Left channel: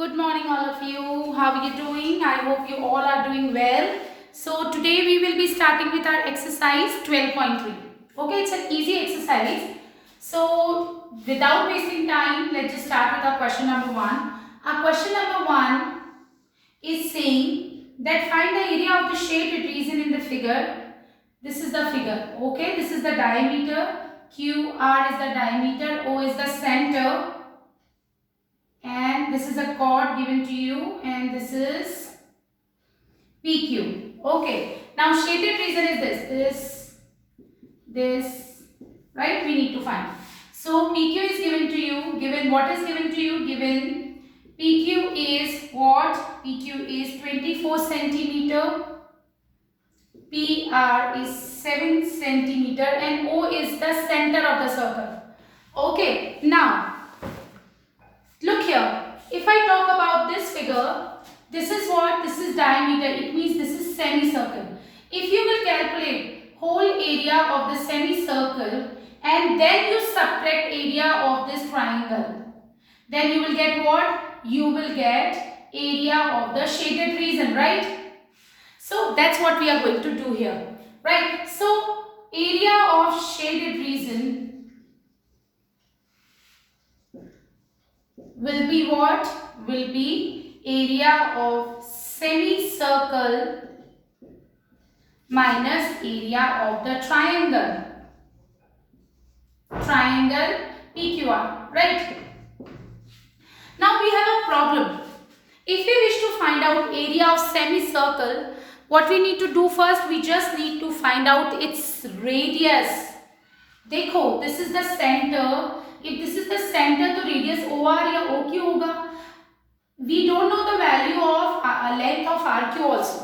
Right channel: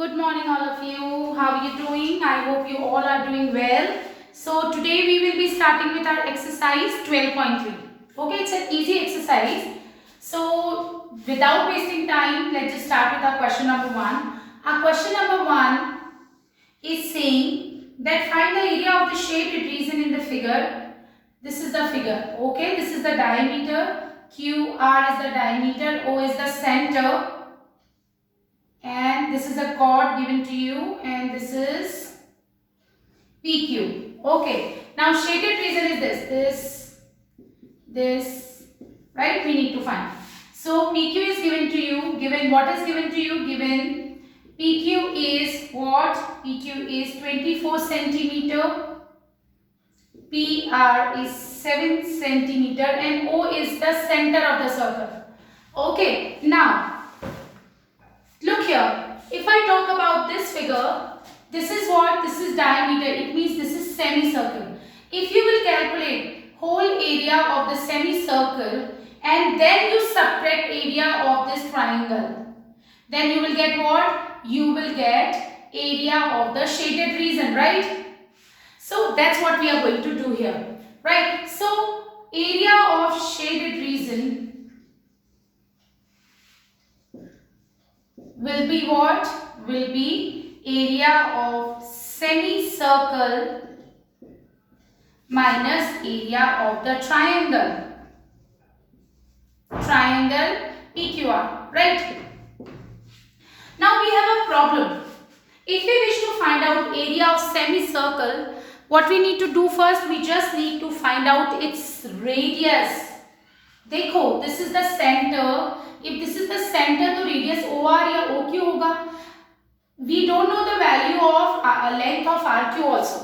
Good morning, all of you. How are you doing? I hope you all are doing well. So today we will be starting with our exercise 12.3. Okay, it's an easy exercise. So without wasting time, let's just start with our question number 1. Our question number 1 is saying that find the area of the shaded region in the figure. This is the figure. Okay, this is the diameter. QR is the diameter. O is the center. And this is a chord given to you, and this is PQ. Okay, now shaded region is this, right? We need to find. So PQ is given to you. Given what is given to you? Given PQ is what? PQ is 24 centimeter. PR is 7 centimeter, and O is the center of the circle. Okay, now look here, if I talk about this figure, this is what? This is diameter, it means this is semicircle. If you will calculate whole area of the semicircle and then you subtract area of this triangle, then you will get what? You will get area of the shaded region, right? So that's what we are going to do here, right? So area of shaded region will be what? Will be area of semicircle minus area of the triangle. Triangle PQR, right? Now we have a problem. If we wish to find out area of semicircle, what we need to do first? We just need to find out its radius. देखो, this is the center. If this is the center, तो radius OR या OQ होगा. We don't know the value of length of RQ also.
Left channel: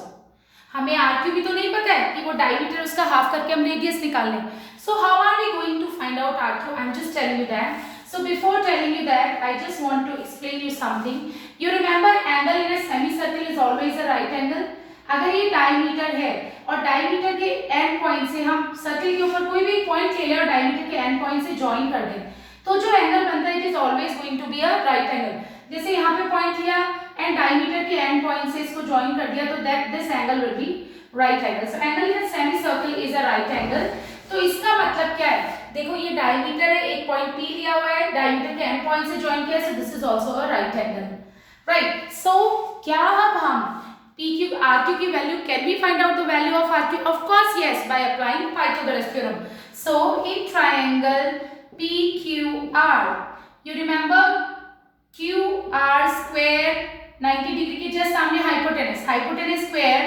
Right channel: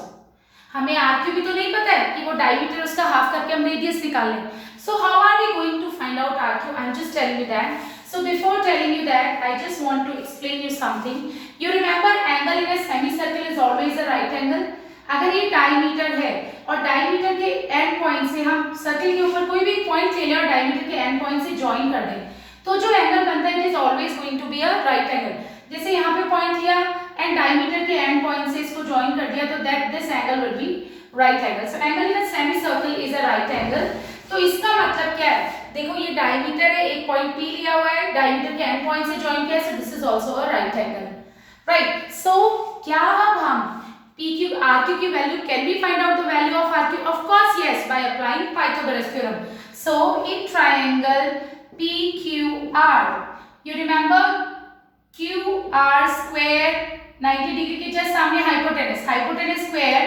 हमें RQ भी तो नहीं पता है कि वो diameter उसका half करके हम radius निकाल लें. So how are we going to find out RQ? I'm just telling you that. So before telling you that, I just want to explain you something. You remember angle in a semicircle is always a right angle. अगर ये diameter है और diameter के end point से हम circle के ऊपर कोई भी पॉइंट ले लें और डायमीटर के एंड पॉइंट से ज्वाइन कर दें, तो जो एंगल बनता है it is always going to be a right angle. जैसे यहाँ पे पॉइंट लिया एंड डायमीटर के एंड पॉइंट से इसको ज्वाइन कर दिया, तो that this angle will be right angle. So angle in a semi circle is a right angle. तो इसका मतलब क्या है? देखो ये डायमीटर है, एक पॉइंट P लिया हुआ है, डायमीटर के एंड पॉइंट से ज्वाइन किया, so this is also a right angle, right. So क्या हम PQ RQ की value, can we find out the value of RQ? Of course yes, by applying Pythagoras theorem. So in triangle PQR, you remember QR square 90 degree के just सामने hypotenuse. Hypotenuse square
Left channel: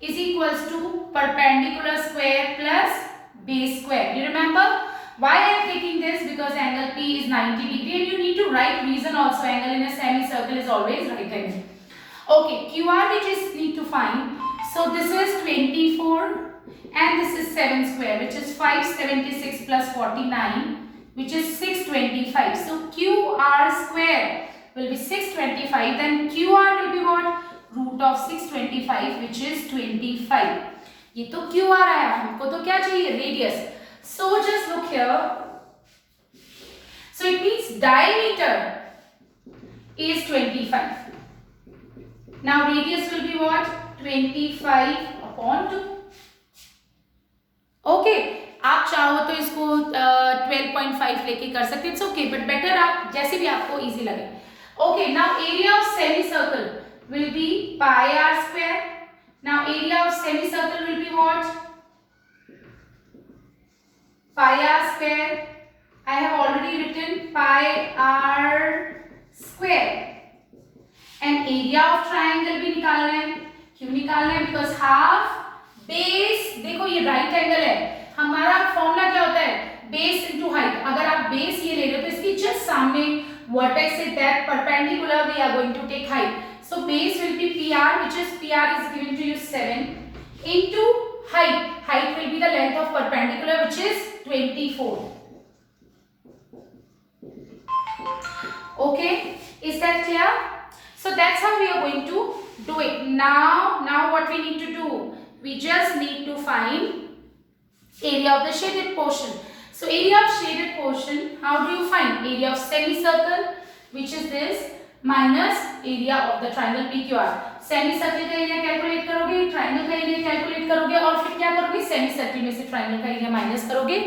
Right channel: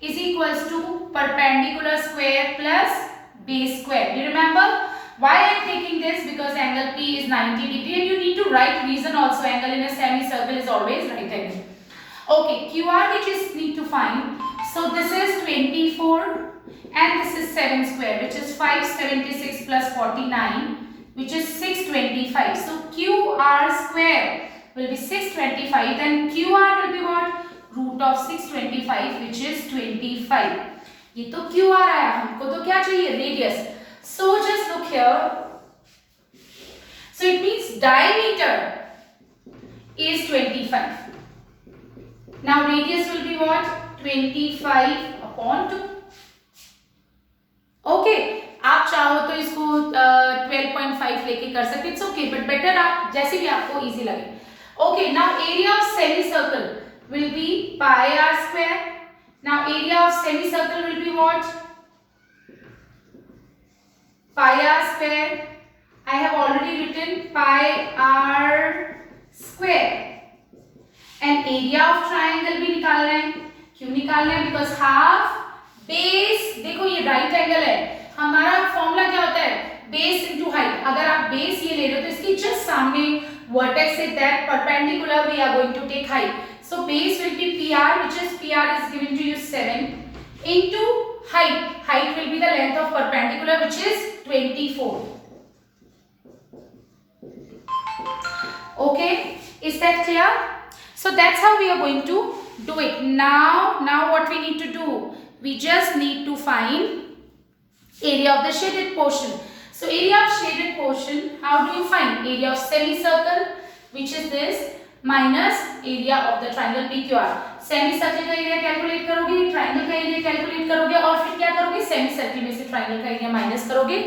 is equals to perpendicular square plus base square. You remember why I am taking this? Because angle P is 90 degree and you need to write reason also. Angle in a semicircle is always right angle. Okay, QR which is need to find. So this is 24 and this is 7 square, which is 576 plus 49, which is 625. So QR square will be 625. Then QR will be what? Root of 625, which is 25. ये तो QR आया, हमको तो क्या चाहिए? Radius. So just look here. So it means diameter is 25. Now radius will be what? 25 upon 2. Okay, आप चाहो तो इसको 12.5 लेके कर सकते, इट्स ओके, बट बेटर आप जैसे भी आपको इजी लगे. Okay, now area of semicircle will be pi R square. Now area of semicircle will be what? Pi R square. I have already written pi R square. And area of triangle भी निकाल रहे हैं. क्यों निकाल रहे हैं? Because half base, देखो ये राइट एंगल है, हमारा फॉर्मूला क्या होता है? Base into height. अगर आप बेस ये ले लो तो इसके जस्ट सामने वर्टेक्स से that perpendicular we are going to take height. So base will be PR, which is PR is given to you 7 into height. Height will be the length of perpendicular, which is 24. Okay, is that clear? So that's how we are going to do it. Now what we need to do? We just need to find area of the shaded portion. So area of shaded portion, how do you find? Area of semicircle, which is this, minus area of the triangle PQR। Semi circle का area calculate करोगे, triangle का area calculate करोगे और फिर क्या करोगे, semi circle में से ट्राइंगल का एरिया माइनस करोगे,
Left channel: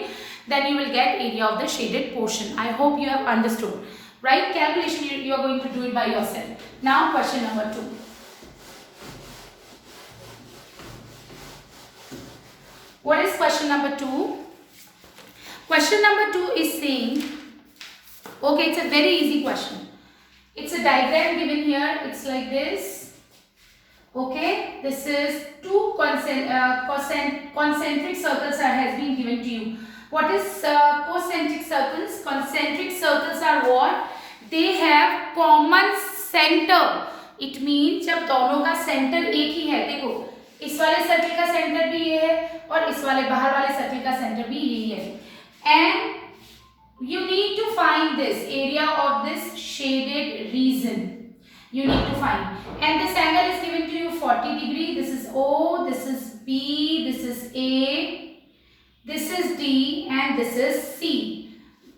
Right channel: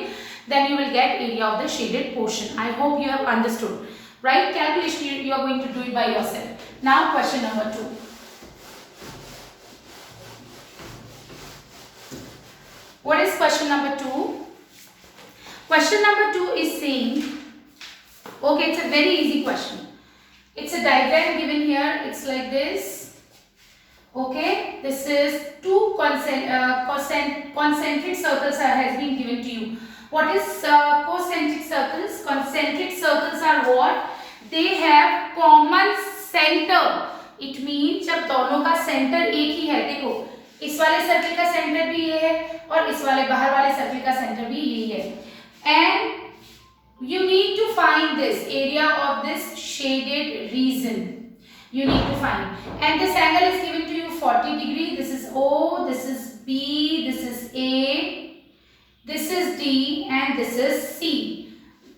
then you will get area of the shaded portion. I hope you have understood. Right? Calculation you are going to do it by yourself. Now question number 2. What is question number 2? Question number 2 is saying, okay, it's a very easy question. It's a diagram given here. It's like this. Okay, this is two concentric circles has been given to you. What is concentric circles? Concentric circles are what? They have common center. It means जब दोनों का centre एक ही है, देखो इस वाले circle का centre भी ये है और इस वाले बाहर वाले सर्कल का सेंटर भी यही है, and you need to find this area of this shaded region. You need to find, and this angle is given to you 40 degree. This is O, this is B, this is A, this is D, and this is C.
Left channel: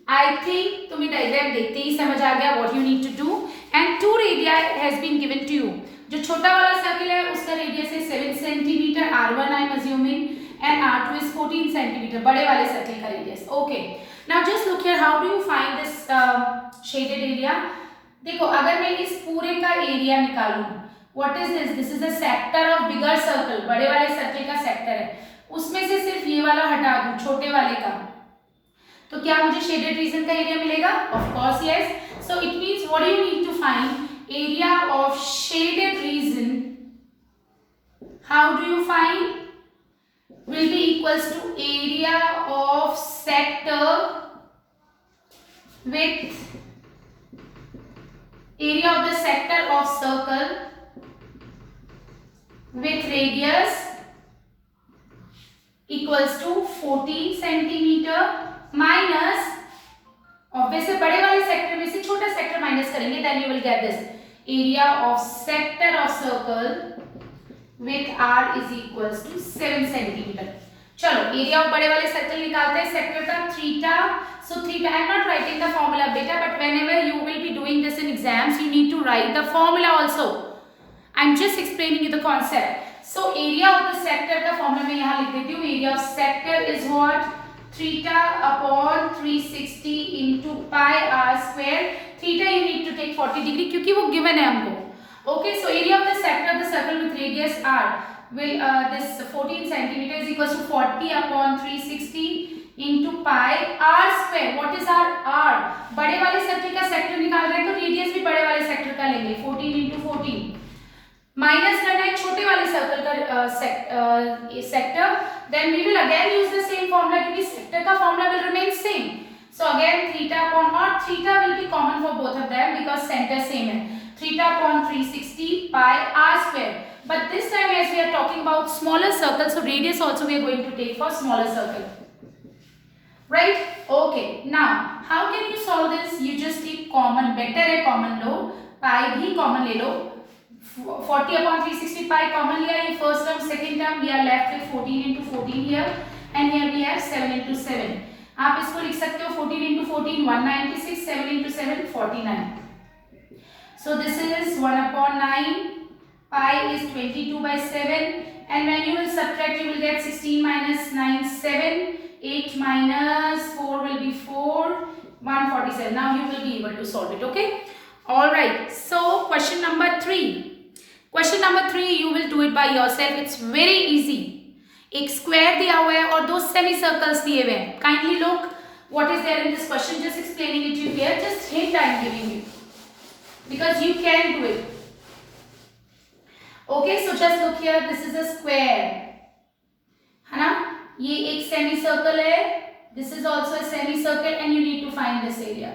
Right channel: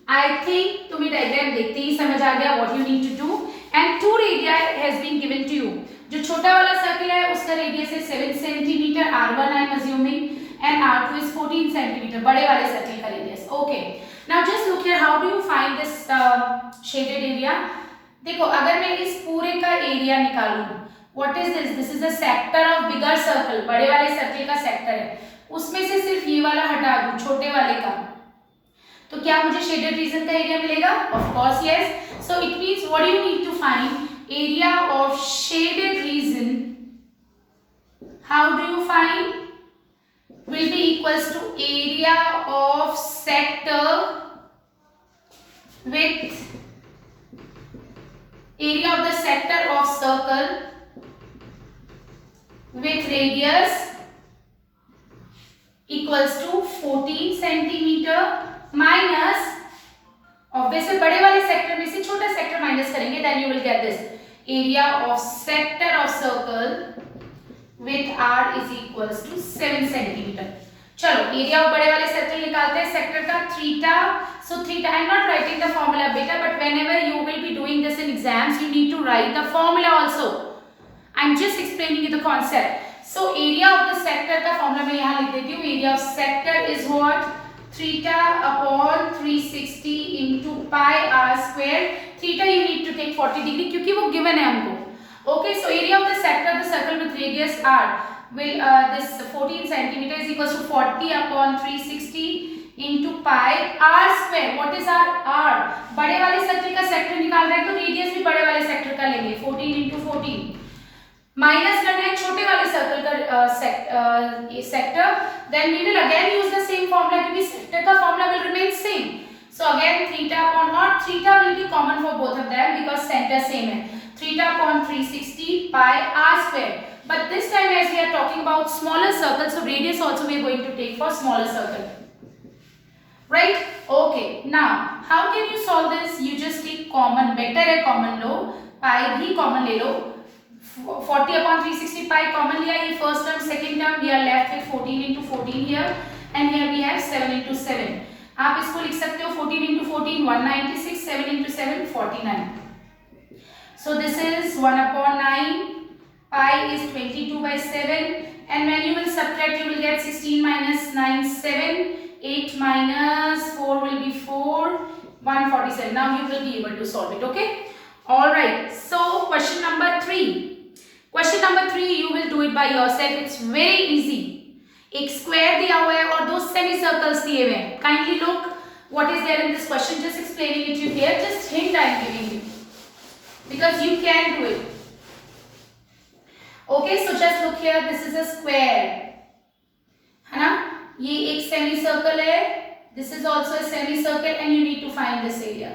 I think तुम्हें diagram देखते ही समझ आ गया what you need to do. And two radii has been given to you. जो छोटा वाला circle है उसका radius है 7 centimetre, R1 I am assuming, and R2 is 14 centimetre, बड़े वाले सर्कल का radius. Okay. Now just look here, how do you find this shaded area? देखो अगर मैं इस पूरे का एरिया निकालूं, what is this? This is a sector of bigger circle, बड़े वाले सर्कल का सेक्टर है, उसमें से सिर्फ ये वाला हटा दूं छोटे वाले का, तो क्या मुझे शेडेड रीजन का एरिया मिलेगा? Of course yes. So it means what do you need to find? Area of shaded region. How do you find? Will be equals to area of sector with area of the sector of circle with radius equals to 14 centimeter minus, obviously बड़े वाले sector में से छोटा sector minus करेंगे, then you will get this area of sector of circle with R is equals to 7 centimeter. चलो area of बड़े वाले circle निकालते हैं, सेक्टर का theta. So theta, I am not writing the formula beta, but whenever you will be doing this in exams, you need to write the formula also. I am just explaining you the concept. So area of the sector का formula मैं यहाँ लिख देती हूँ. Area of sector is what? Theta upon 360 into pi r square. Theta you need to take 40 degree क्योंकि वो given है हमको. Okay, so area of the sector of the circle with radius r will this 14 centimeter is equals to 40 upon 360 into pi r square. What is r? बड़े वाले circle का sector निकाल रहे हैं तो रेडियस भी बड़े वाले सेक्टर का लेंगे, 14 into 14. माइनस करना है छोटे वाले सर्कल का sector, then we will again use the same formula क्योंकि सेक्टर का formula will remain same. So again theta upon r, theta will be common for both of them because center same है. Theta upon 360 pi r square. But this time as we are talking about smaller circles, so radius also we are going to take for smaller circle. Right? Okay. Now how can you solve this? You just take common, better है common लो, pi भी common ले लो. 40 upon 360 pi common लिया, ये first term, second term, we are left with 14 into 14 here, and here we have 7 into 7. आप इसको लिख सकते हो 14 into 14 196, 7 into 7 49. So this is 1 upon 9, pi is 22 by 7, and when you will subtract you will get 16 minus 9 7, 8 minus 4 will be 4, 147. Now you will be able to solve it. Okay, all right. So question number 3. Question number 3 you will do it by yourself. It's very easy. एक square दिया हुआ है और दो semi circles दिए हुए हैं. Kindly look what is there in this question. Just explaining it to you here. Just hint I am giving you because you can do it. Okay, so just look here. This is a square, है ना? ये एक semi circle है. This is also a semi circle, and you need to find this area.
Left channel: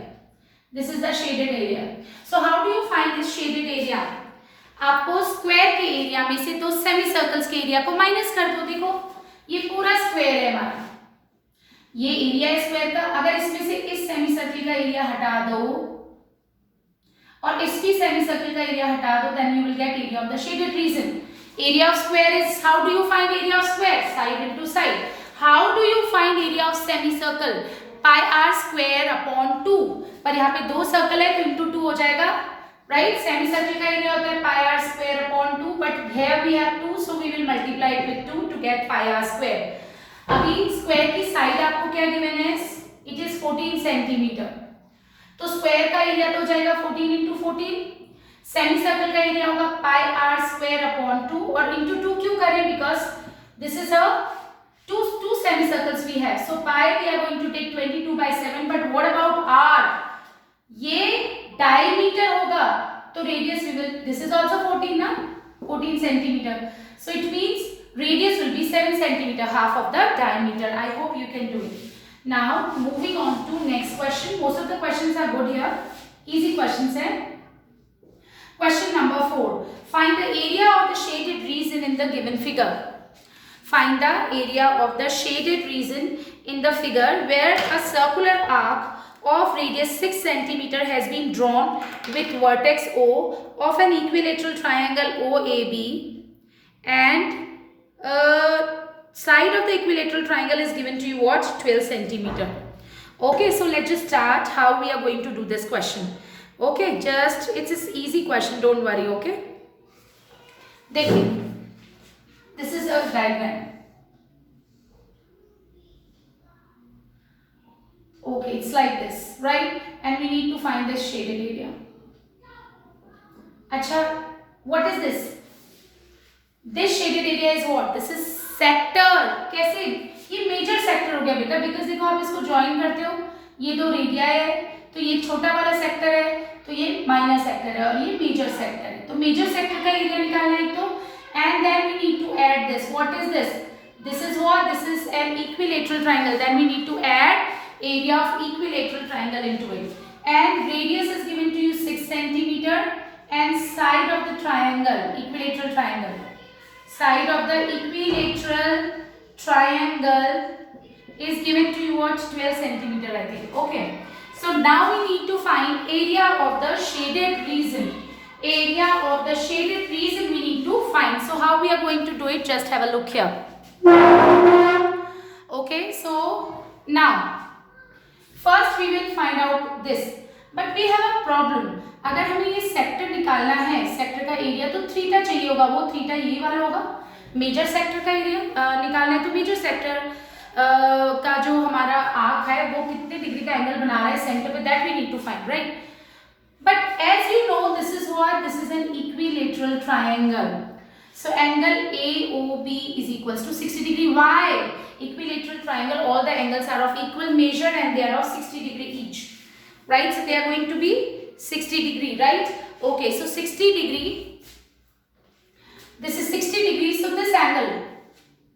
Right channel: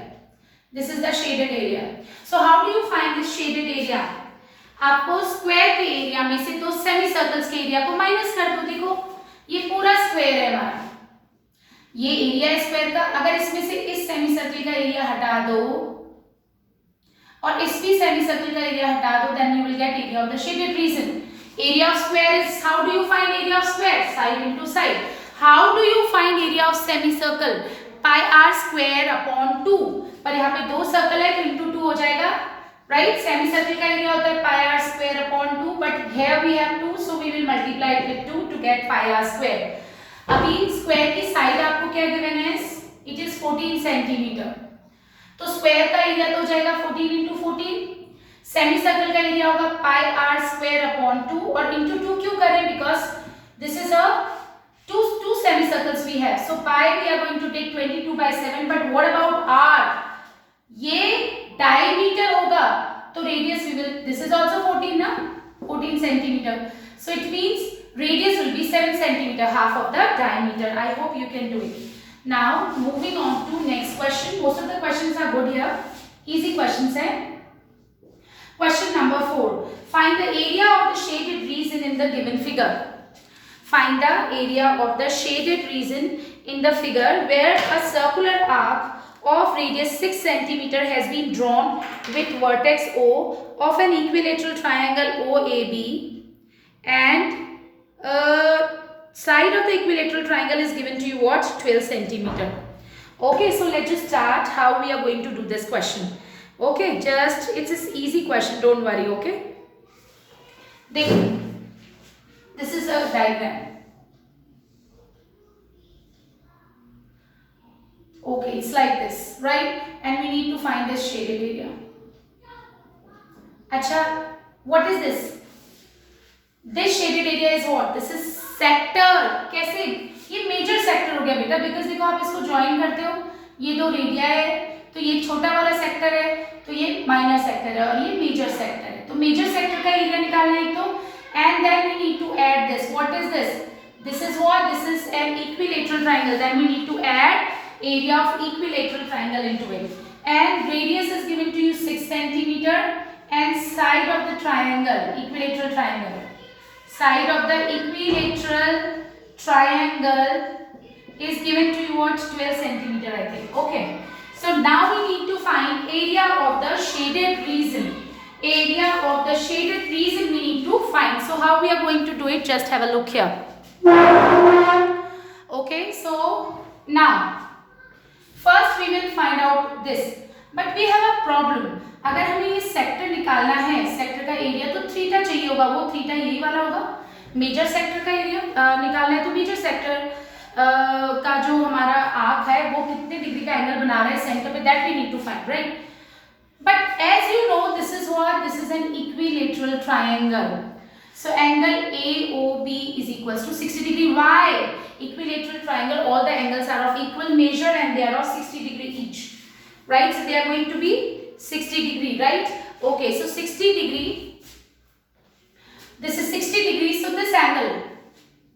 This is the shaded area. So how do you find this shaded area? आपको square के area में से दो सेमी सर्कल्स के area को minus कर दो. देखो ये पूरा स्क्वायर है हमारा, ये एरिया है स्क्वायर का. अगर इसमें से इस सेमी सर्कल का एरिया हटा दो और इस भी सेमी सर्कल का एरिया हटा दो, then you will get area of the shaded region. Area of square is, how do you find area of square? Side into side. How do you find area of semicircle? Pi r square upon 2. पर यहाँ पे दो circle है तो into 2 हो जाएगा. right? Semicircle का area होता है pi r square upon 2, but here we have 2, so we will multiply it with 2 to get pi r square. अभी स्क्वायर की साइड आपको क्या गिवन है? इट इज 14 सेंटीमीटर, तो स्क्वायर का एरिया तो हो जाएगा 14 इंटू 14, सेमी सर्कल का एरिया होगा पाई आर स्क्वायर अपॉन 2, और इंटू 2 क्यों करें? Because this is a two semicircles we have, so pi we are going to take 22/7, but what about r? ये diameter होगा, तो radius we will, this is also 14 ना, 14 centimeter, so it means radius will be 7 centimeter, half of the diameter. I hope you can do it. Now moving on to next question. Most of the questions are good here, easy questions hai. Question number 4, find the area of the shaded region in the given figure. Find the area of the shaded region in the figure where a circular arc of radius 6 cm has been drawn with vertex O of an equilateral triangle OAB, and side of the equilateral triangle is given to you what? 12 cm. Okay, so let's just start how we are going to do this question. Okay, just it's an easy question, don't worry. Okay, देखिए, this is a diagram. Okay, it's like this, right? And we need to find the shaded area. Acha, what is this? This shaded area is what? This is sector. कैसे? ये major sector हो गया बेटा, because देखो आप इसको join करते हो, ये दो रेडिया है, तो ये छोटा वाला सेक्टर है, तो ये माइनर सेक्टर है, और ये मेजर सेक्टर है, तो मेजर सेक्टर का एरिया निकालना है एक तो, and then we need to add this. What is this? This is what? This is an equilateral triangle. Then we need to add area of equilateral triangle into it, and radius is given to you 6 centimeter, and side of the triangle, equilateral triangle, side of the equilateral triangle is given to you what? 12 centimeter, I think. Okay, so now we need to find area of the shaded region. Area of the shaded region we need to find. So how we are going to do it? Just have a look here. Okay, so now first we will find out this, but we have a problem. अगर हमें ये sector निकालना है, sector का area तो theta चाहिए होगा, वो थीटा यही वाला होगा. मेजर सेक्टर का एरिया निकालना है, तो मेजर सेक्टर का जो हमारा आर्क है वो कितने डिग्री का एंगल बना रहा है सेंटर पे, that we need to find, right? But as you know, this is what? This is an equilateral triangle. So angle AOB is equals to 60 degree. Why? Equilateral triangle, all the angles are of equal measure and they are of 60 degree each. Right? So they are going to be 60 degree, right? Okay, so 60 degree. This is 60 degree, so this angle,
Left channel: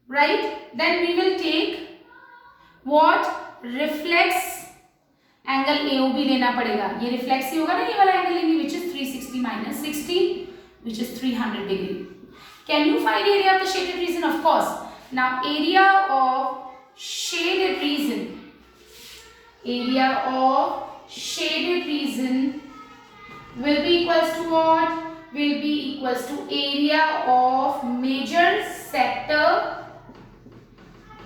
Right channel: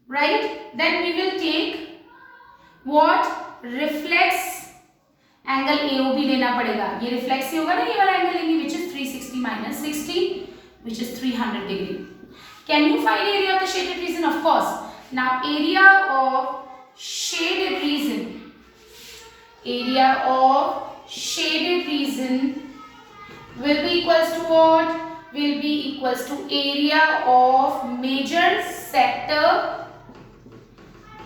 right? Then we will take what? Reflex angle AOB लेना पड़ेगा. ये reflex ही होगा ना, ये वाला angle लेंगे, which is 360 minus 60, which is 300 degree. Can you find area of the shaded region? Of course. Now area of shaded region, area of shaded region will be equals to what? Will be equals to area of major sector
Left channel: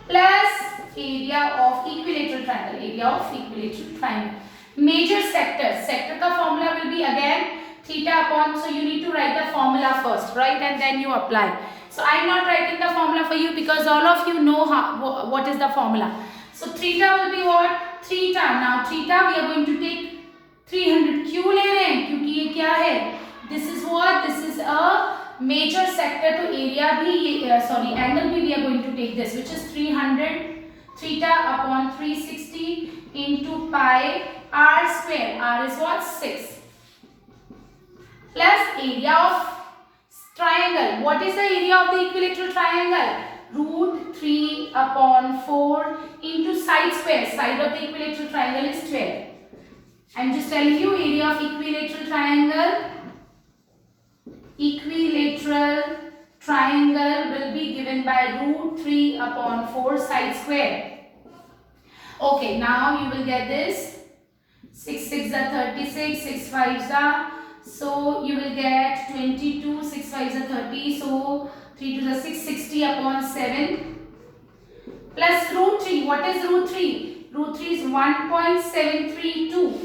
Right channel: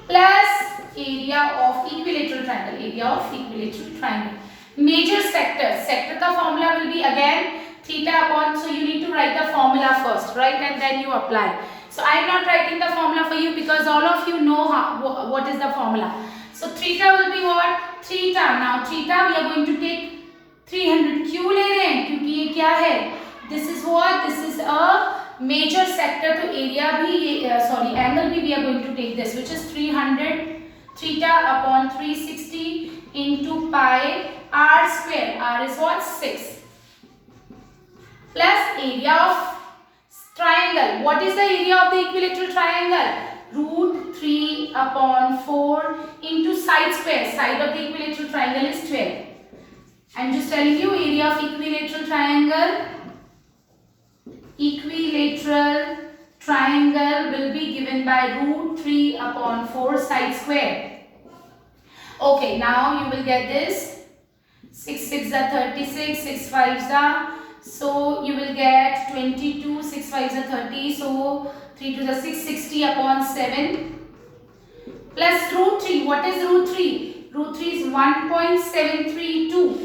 plus area of equilateral triangle, area of equilateral triangle. Major sector, sector का formula will be again theta upon, so you need to write the formula first, right, and then you apply. So I am not writing the formula for you because all of you know what is the formula. So theta will be what? Theta. Now theta we are going to take 300. क्यों ले रहे हैं? क्योंकि ये क्या है? This is what? This is a major sector, तो area भी sorry angle भी we are going to take this, which is 300 theta upon 360 into pi r square. R is what? 6 plus area of triangle. What is the area of the equilateral triangle? Root 3 upon 4 into side square. Side of the equilateral triangle is 12. I'm just telling you area of equilateral triangle. Equilateral triangle will be given by root 3 upon 4 side square. Okay, now you will get this. 6 6 are 36, 6 5 are, so you will get 22, 6 5 are 30, so 3 2 are 6, 60 upon 7 plus root 3. What is root 3? Root 3 is 1.732.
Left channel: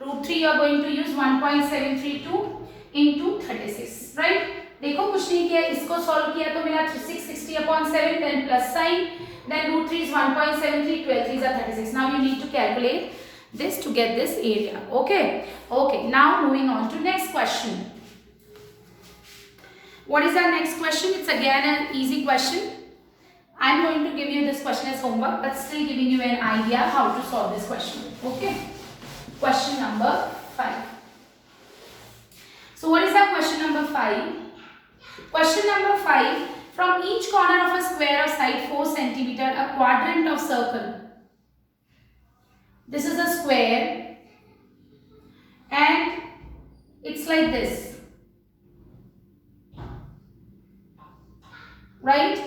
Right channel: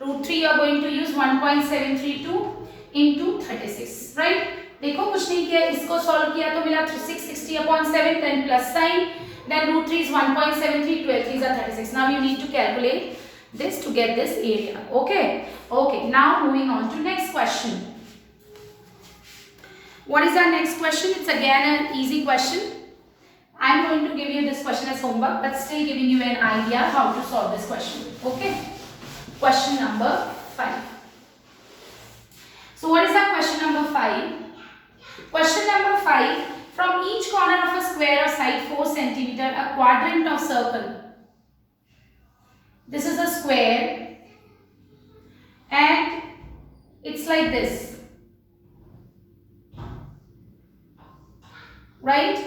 Root 3 you are going to use 1.732 into 36, right. देखो कुछ नहीं किया, इसको solve किया तो मिला 660/7, then plus sign, then root 3 is 1.73, 12 3s are 36. Now you need to calculate this to get this area. Okay, now moving on to next question. What is our next question? It's again an easy question. I'm going to give you this question as homework, but still giving you an idea how to solve this question. Okay, question number 5. So what is our question number 5? Question number 5, from each corner of a square of side 4 cm, a quadrant of circle. This is a square and it's like this, right?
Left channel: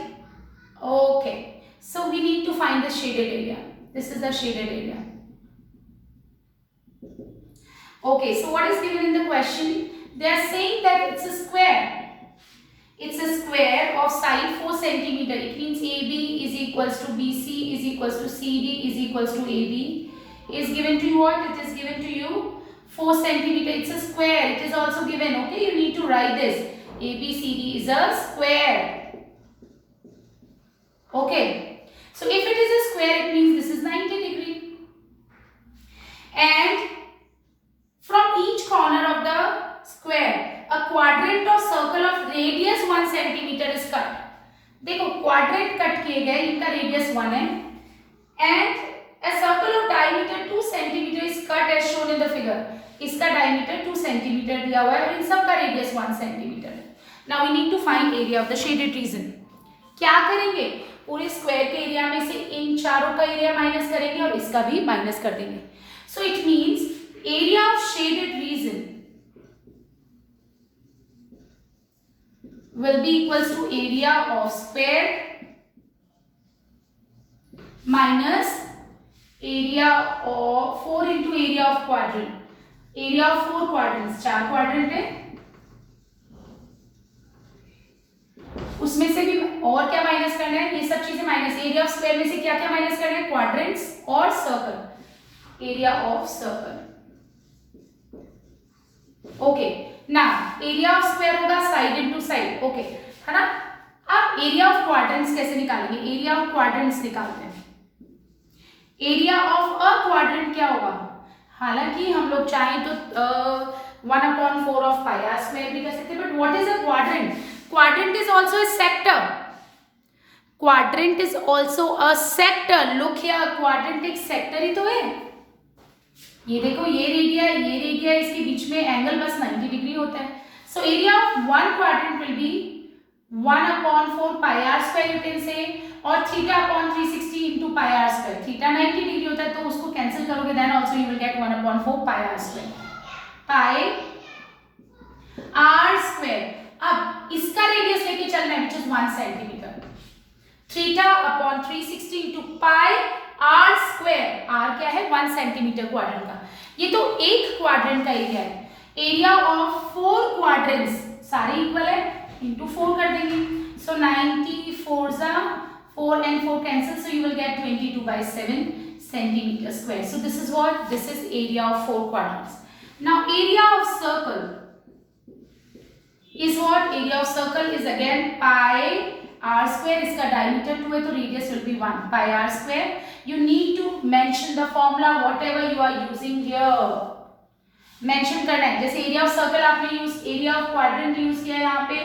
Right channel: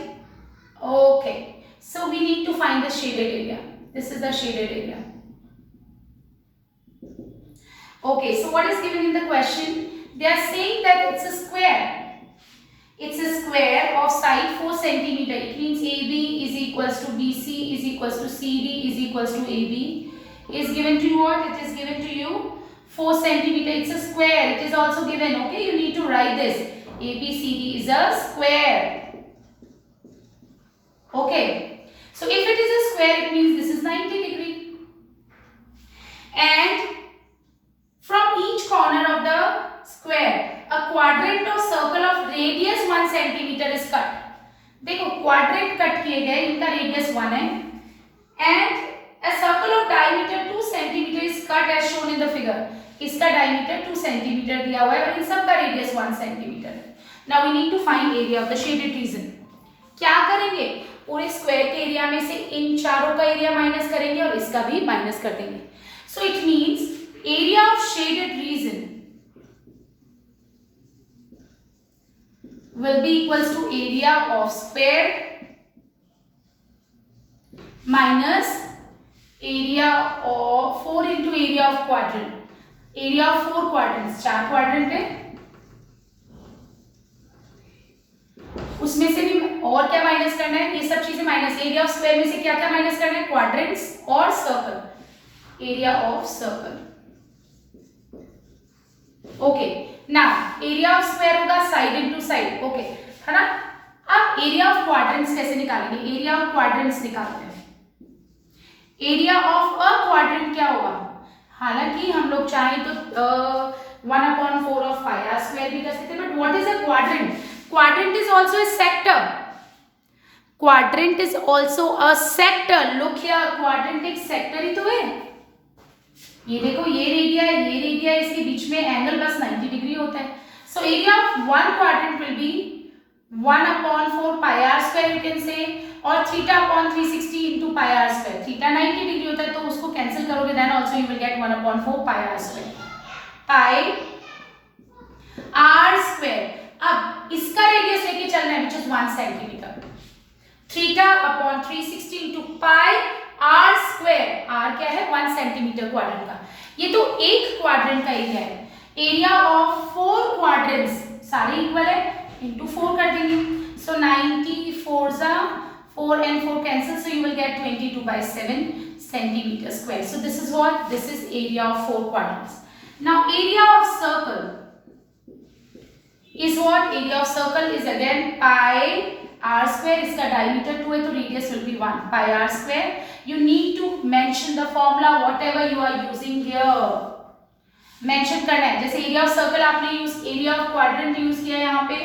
Okay, so we need to find the shaded area. This is the shaded area. Okay, so what is given in the question? They are saying that it's a square. It's a square of side 4 cm. It means AB is equals to BC is equals to CD is equals to AB. Is given to you what? It is given to you 4 cm. It's a square. It is also given. Okay, you need to write this. ABCD is a square. Okay. So if it is a square, it means this is 90 degree. And from each corner of the square, a quadrant of circle of radius 1 cm is cut. देखो quadrant cut किए गए, इनका radius 1 है, and a circle of diameter 2 cm is cut as shown in the figure. इसका diameter 2 cm दिया हुआ है और इन सब का radius 1 cm है. Now we need to find area of the shaded region. क्या करेंगे? पूरे स्क्वायर के एरिया में से इन चारों का एरिया माइनस करेंगे और इसका भी माइनस कर देंगे. So it means area of shaded region will be equals to area of square minus area of 4 into area of quadrant. Area of 4 quadrants, 4 quadrant है, उसमें से भी और क्या माइनस करना है? ये सब चीजें माइनस. एरिया ऑफ स्क्वायर में से क्या क्या माइनस करना है? क्वाड्रेंट्स और circle. Area of circle. Okay, now area of square होगा साइड इनटू साइड. ओके, है ना. अब एरिया ऑफ क्वाड्रेंट्स कैसे निकालेंगे? एरिया ऑफ क्वाड्रेंट्स निकालते हैं. एरिया ऑफ अ क्वाड्रेंट क्या होगा? हालांकि हम लोग चाहें तो 1/4 ऑफ पाई आर स्क्वायर भी कर सकते हैं, but what is a quadrant? Quadrant is also a sector. Quadrant is also a sector. Look here, quadrant एक sector ही तो है. ये देखो, ये रेडिया, इसके बीच में एंगल बस 90 डिग्री होता है. So area of one quadrant will be 1/4 pi r square you can say, और θ/360 into pi r square. Theta 90 degree होता है तो उसको कैंसिल करोगे, then also you will get 1/4 pi r square. pi r square. अब इसका radius लेके चलना है which is 1 centimetre. θ/360 into pi r square. r क्या है? 1 सेंटीमीटर क्वाड्रेंट का. ये तो एक क्वाड्रेंट का एरिया है. एरिया ऑफ 4 क्वाड्रेंट्स सारे इक्वल है, into 4 कर देंगे. So 90 4s are 4 and 4 cancel, so you will get 22/7 centimeter square. So this is what? This is area of 4 quadrants. Now area of circle is what? Area of circle is again pi r square. इसका diameter 2 है तो radius will be 1 pi r square. You need to mention the formula whatever you are using here. Mention करना है. जैसे area of circle आपने use, area of quadrant use किया यहाँ पे.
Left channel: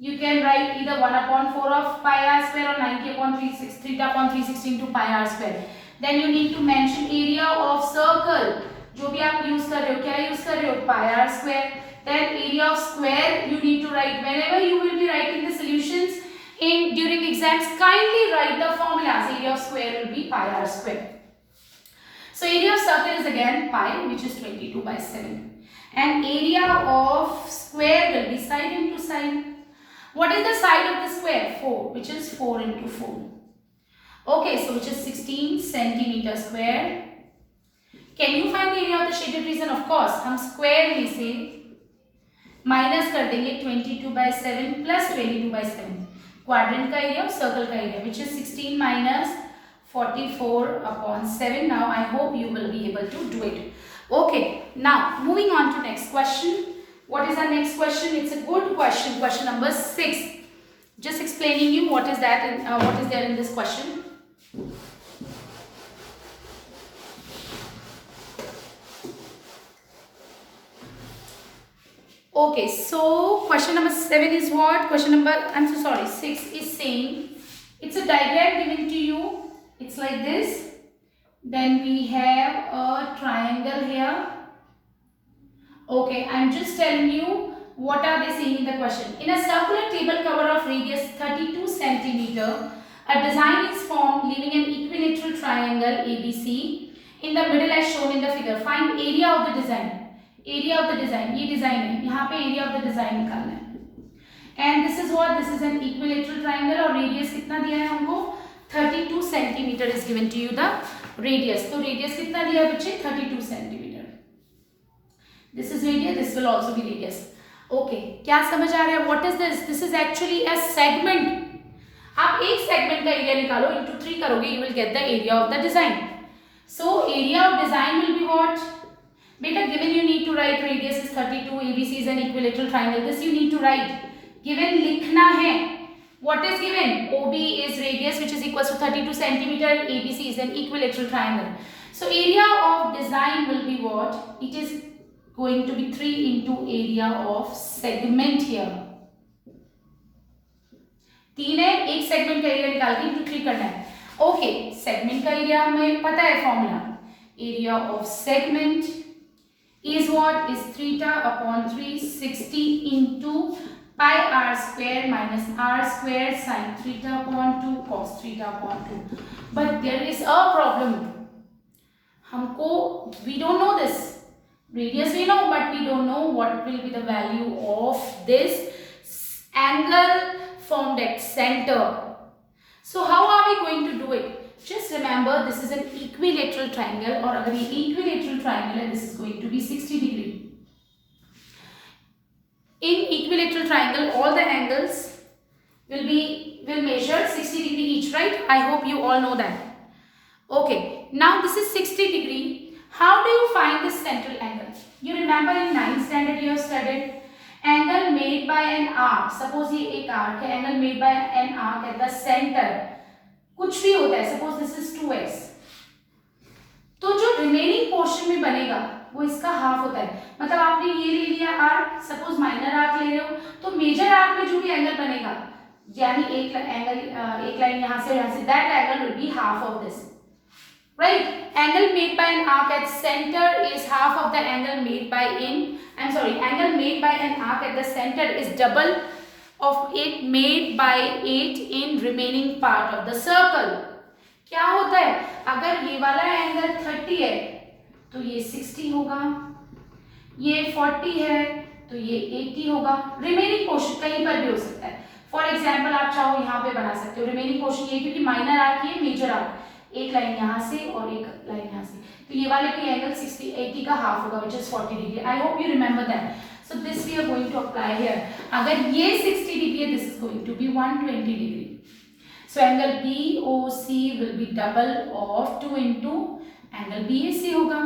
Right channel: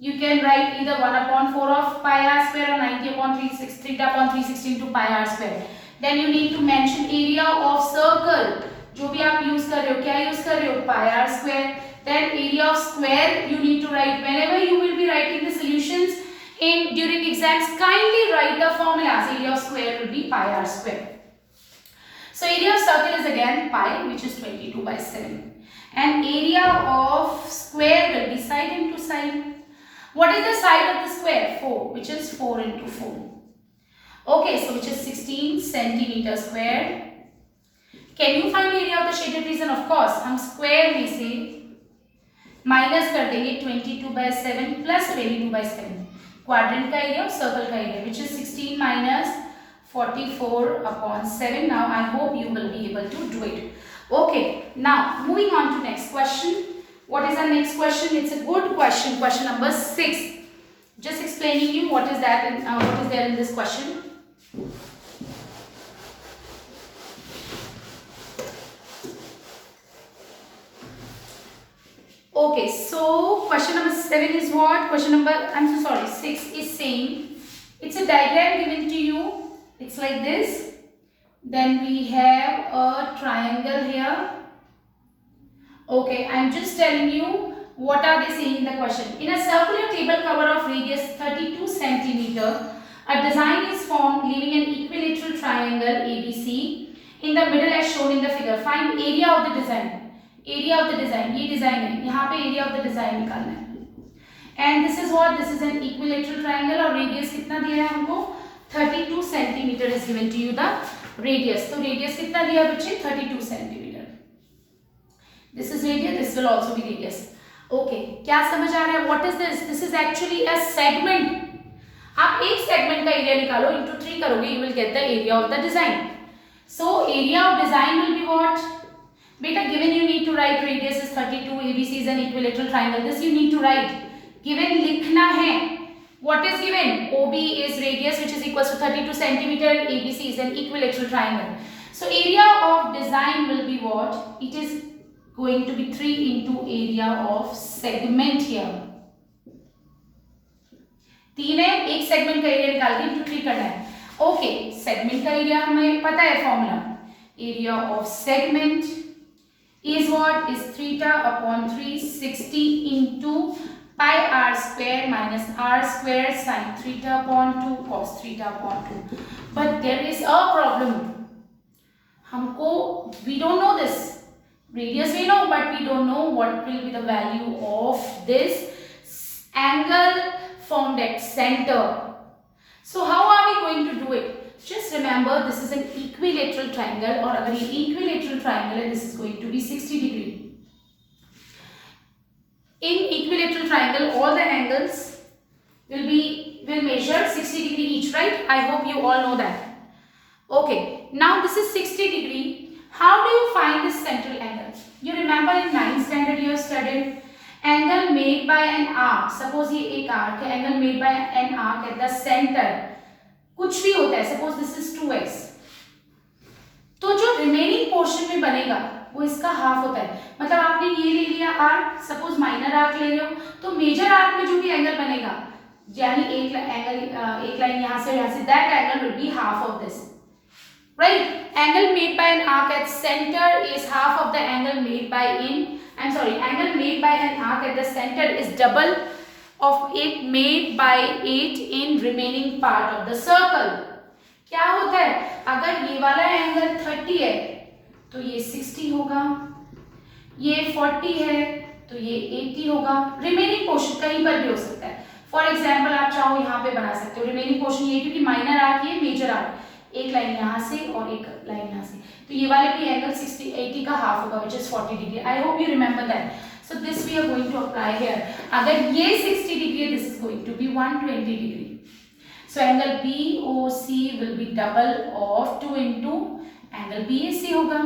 You can write either 1/4 of pi r square or 90/360 θ/360 into pi r square. Then you need to mention area of circle. जो भी आप use कर रहे हो, क्या use कर रहे हो? pi r square. Then area of square you need to write whenever you will be writing the solutions in during exams. Kindly write the formulas. Area of square will be pi r square. So area of circle is again pi, which is 22/7, and area of square will be side into side. What is the side of the square? 4, which is 4 into 4. Okay, so which is 16 centimeter square. Can you find area of the shaded region? Of course, हम square में से minus कर देंगे 22/7 plus 22/7. Quadrant का area और circle का area which is 16 minus 44/7. Now I hope you will be able to do it. Okay, now moving on to next question. What is our next question? It's a good question. Question number 6. Just explaining you what is that and what is there in this question. Okay, so question number 7 is what? Question number, I'm so sorry, 6 is saying, it's a diagram given to you. It's like this. Then we have a triangle here. Okay, I'm just telling you what are they saying in the question. In a circular table cover of radius 32 centimeter, a design is formed leaving an equilateral triangle ABC in the middle as shown in the figure. Find area of the design. Area of the design, ये design है, यहाँ पे area of the design निकालना है. And this is what, this is an equilateral triangle और radius कितना दिया है हमको 32 centimetre is given to you the radius. तो रेडियस कितना दिया है बच्चे 32 centimetre. This is radius, this will also be radius. Okay, क्या समझ आ रहा है? What is this? This is actually a segment. आप एक सेगमेंट का एरिया निकालो, इंटू 3 करोगे, you will get the area of the design. So area of design will be what? Beta, given you need to write radius is 32, ABC is an equilateral triangle. This you need to write. Given लिखना है. What is given? OB is radius which is equals to 32 centimeter. ABC is an equilateral triangle. So area of design will be what? It is going to be 3 into area of segment here. 3 है, एक segment का area निकाल के into 3 करना है. Okay, segment का area हमें पता है formula. Area of segment is what? Is theta upon 360 into pi r square minus r square sin theta upon 2 cos theta upon 2. But there is a problem. हमको, we don't know this. Radius we know, but we don't know what will be the value of this angle formed at center. So how are we going to do it? Just remember, this is an equilateral triangle, और अगर ये equilateral triangle है, this is going to be 60 degree. In equilateral triangle, all the angles will measure 60 degree each, right? I hope you all know that. Okay, now this is 60 degree. How do you find this central angle? You remember in 9th standard you have studied angle made by an arc. Suppose ये एक arc है, angle made by an arc at the center. कुछ भी होता है, suppose this is 2x, तो जो remaining portion में बनेगा वो इसका हाफ होता है. मतलब आपने ये ले लिया आर्क, सपोज माइनर आर्क ले रहे हो, तो मेजर आर्क में जो भी एंगल बनेगा, यानी एक लाइन यहां से यहां से, that angle will be half of this, right? Angle made by an arc at centre is half of the angle made by angle made by an arc at the centre is double of it made by 8 in remaining part of the circle. क्या होता है? अगर ये वाला angle 30 है तो ये 60 होगा, ये 40 है तो ये 80 होगा. रिमेनिंग पोर्शन कहीं पर भी हो सकता है. फॉर एग्जाम्पल आप चाहो यहाँ पे बना सकते हो. रिमेनिंग पोर्शन ये, क्योंकि माइनर आर्क ये मेजर आर्क, एक लाइन यहाँ से और एक लाइन यहाँ से, तो ये वाले भी एंगल 80 का हाफ होगा, which is 40 degree. I hope you remember that. So this we are going to apply here. अगर ये 60 degree है, this is going to be 120 degree. So angle BOC will be double of 2 into angle BAC होगा,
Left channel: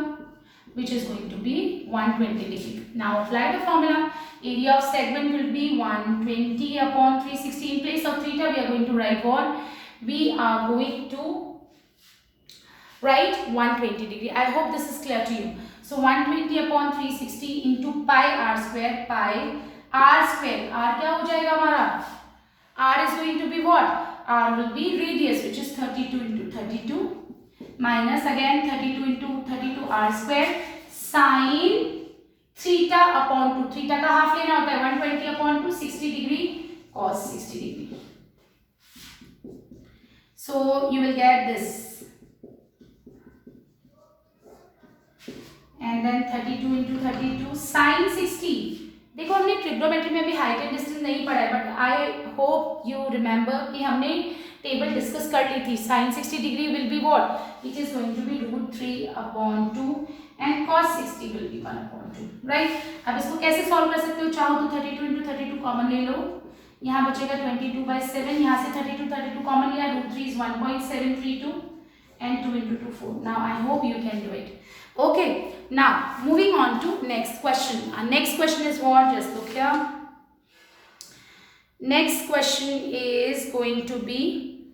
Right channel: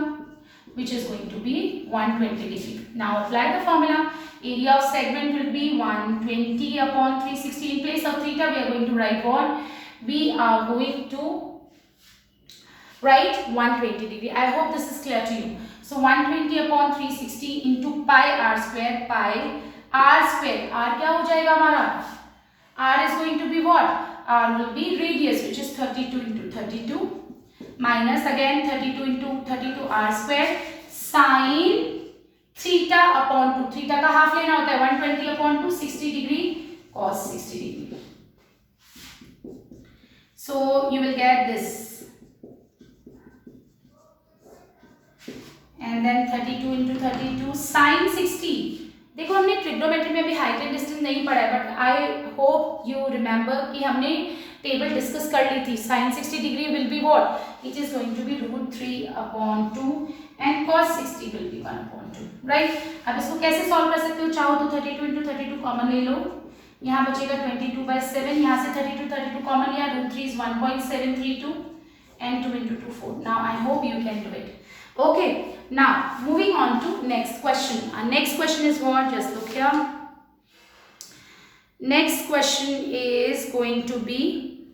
which is going to be 120 degree. Now apply the formula. Area of segment will be 120 upon 360. In place of theta, we are going to write what? We are going to write 120 degree. I hope this is clear to you. So 120 upon 360 into pi r square. Pi r square. R क्या हो जाएगा हमारा? R is going to be what? R will be radius, which is 32 into 32 minus again 32 into 32 r square sin theta upon 2. Theta का half लेना होता है, 120 upon 2 60 degree cos 60 degree. So you will get this. And then 32 into 32 sin 60. देखो हमने trigonometry में भी height and distance नहीं पढ़ा है, but I hope you remember कि हमने टेबल डिस्कस कर ली थी. sin 60 degree will be what? It is going to be √3 upon 2 and cos 60 will be 1 upon 2, right? अब इसको कैसे सॉल्व कर सकते हो? चाहो तो 32 into 32 कॉमन ले लो, यहाँ बचेगा 22/7, यहाँ से 32 कॉमन लिया, √3 is 1.732 and 2 into 2 4. Now I hope you can do it. Okay, now moving on to next question. Our next question is what? Just look here. Next question is going to be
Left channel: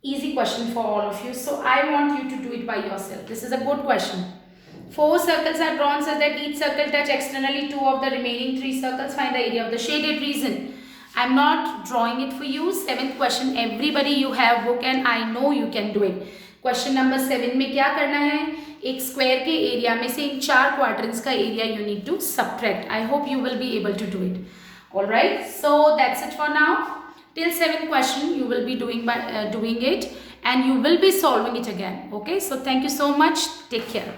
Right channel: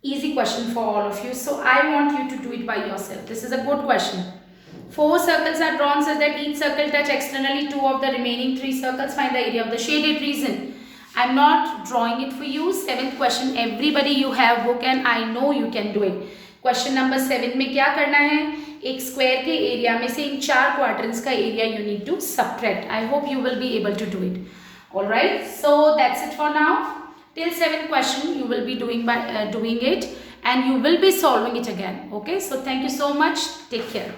easy question for all of you. So I want you to do it by yourself. This is a good question. 4 circles are drawn so that each circle touch externally 2 of the remaining 3 circles. Find the area of the shaded region. I'm not drawing it for you. 7th question. Everybody you have book and I know you can do it. Question number 7 में क्या करना है? एक square के area में से इन 4 quadrants का area you need to subtract. I hope you will be able to do it. Alright, so that's it for now. Till 7th question you will be doing it and you will be solving it again. Okay, so thank you so much. Take care.